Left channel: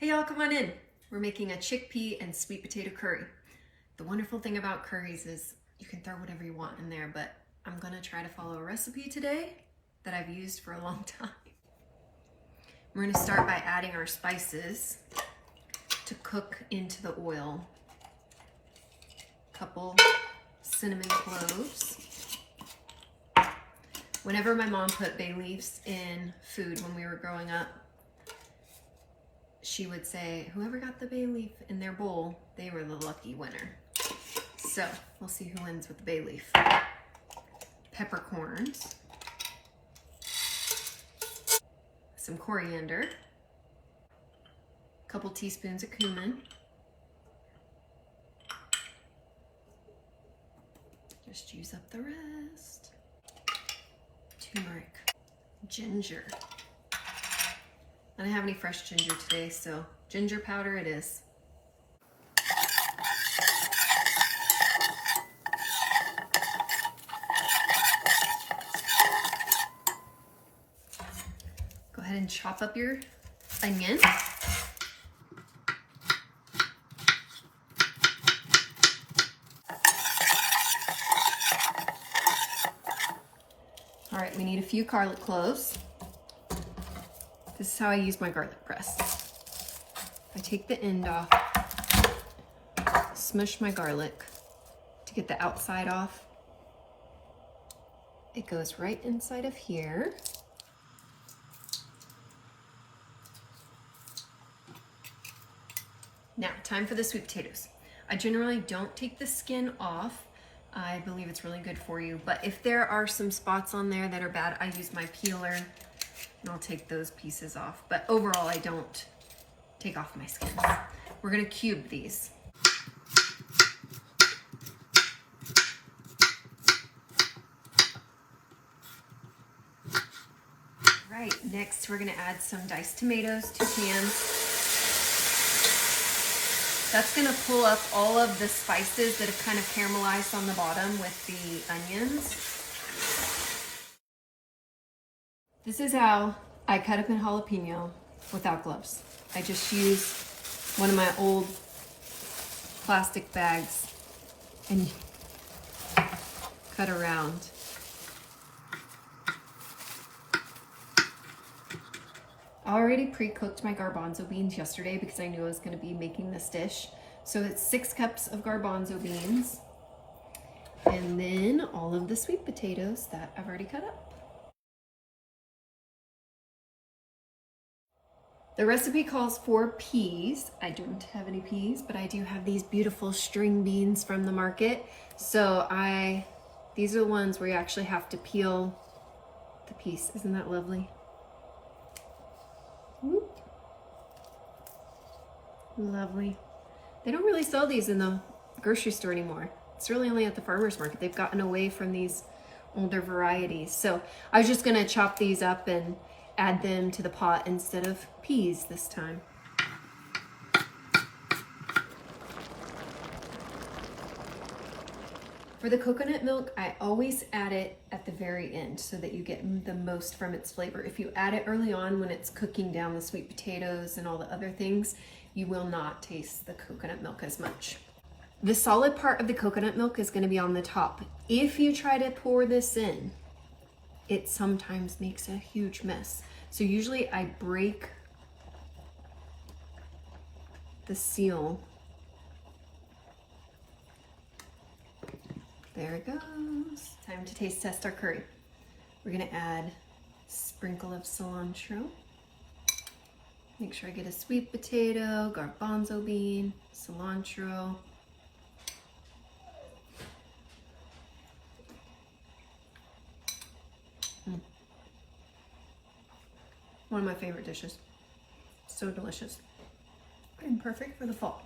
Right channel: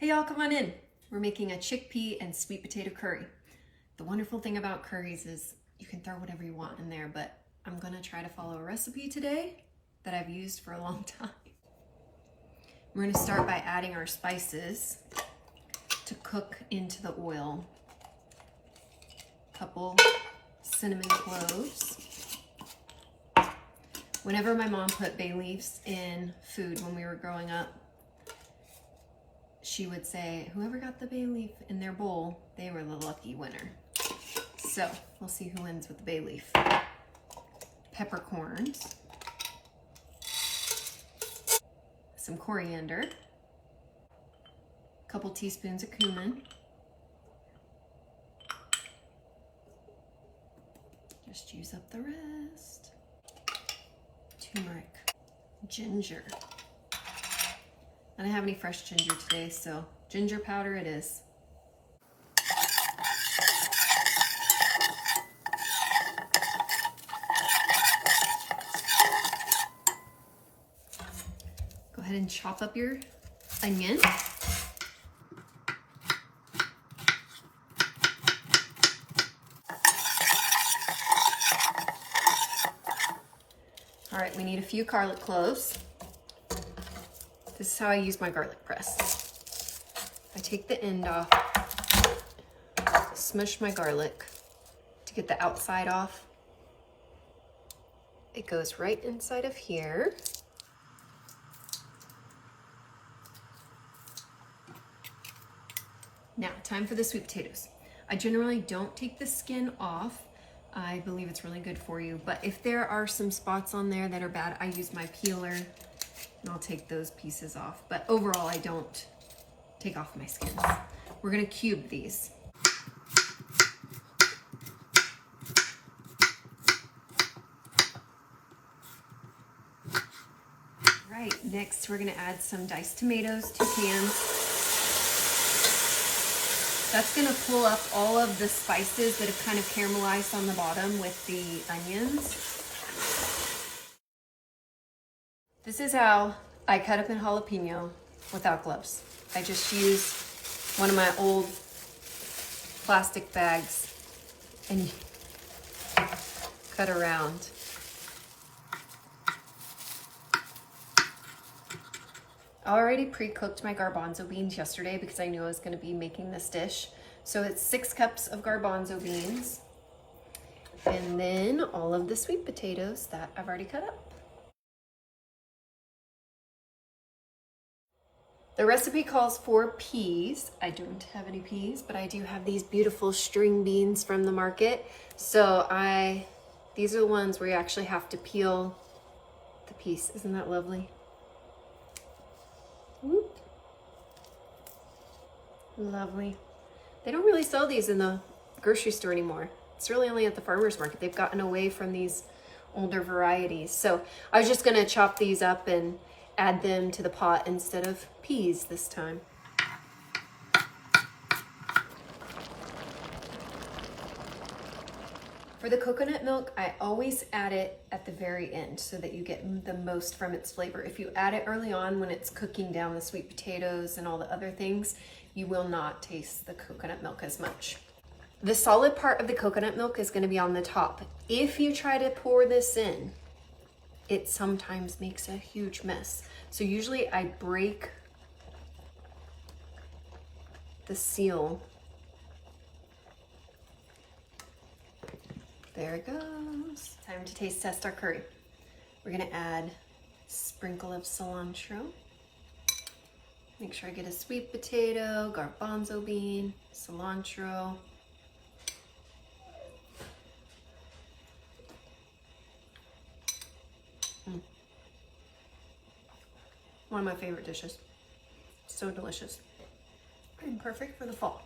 Hey y'all, come on in. We're making a chickpea and sweet potato curry. The wonderful thing about curries is you can throw whatever you want in there, but I'm gonna try to follow a recipe today that I've used for a long time. We're gonna start by adding our spices to cook into the oil. A couple cinnamon cloves. Whenever my mom put bay leaves in food when we were growing up, she would say, whoever got the bay leaf in their bowl, they were the lucky winner. So we'll see who wins with the bay leaf. Peppercorns, some coriander, a couple teaspoons of cumin, just use up the rest, turmeric, ginger. I don't have any fresh ginger today, so ginger powder it is. Go ahead and chop up your onion. All right, we need a few garlic cloves. This is how I use my garlic press. I take the end off, smush my garlic to get the outside off. It goes right inside of here. Now, time for the sweet potatoes. I generally don't take the skin off. I believe it's really good for you, but if there are some spots on there that are bad, I use my peeler and I'll take those pieces off. But overall, I don't take off my skins. We're gonna cube these. All right, next we're gonna add some diced tomatoes, 2 cans. That's gonna pull up all of the spices that have kind of caramelized on the bottom with the onions. This is how I cut up an jalapeno without gloves. I just use one of my old plastic bags and cut around. I already pre-cooked my garbanzo beans yesterday because I knew I was going to be making this dish. So it's 6 cups of garbanzo beans and then all of the sweet potatoes that I've already cut up. The recipe calls for peas. I don't have any peas, but I do have these beautiful string beans from the market. So these are the ones where you actually have to peel the piece. Isn't that lovely? Whoop. Lovely. They don't really sell these in the grocery store anymore. It's really only at the farmer's market. They've gotten away from these older varieties. So I was just gonna chop these up and add them to the pot instead of peas this time. For the coconut milk, I always add it at the very end so that you get the most from its flavor. If you add it early on when it's cooking down the sweet potatoes and all the other things, you will not taste the coconut milk as much. The solid part of the coconut milk is going to be on the top. If you try to pour this in, it sometimes makes a huge mess. So usually I break the seal. There it goes. Time to taste test our curry. We're gonna add a sprinkle of cilantro. Make sure I get a sweet potato, garbanzo bean, cilantro. One of my favorite dishes. So delicious and perfect for the fall.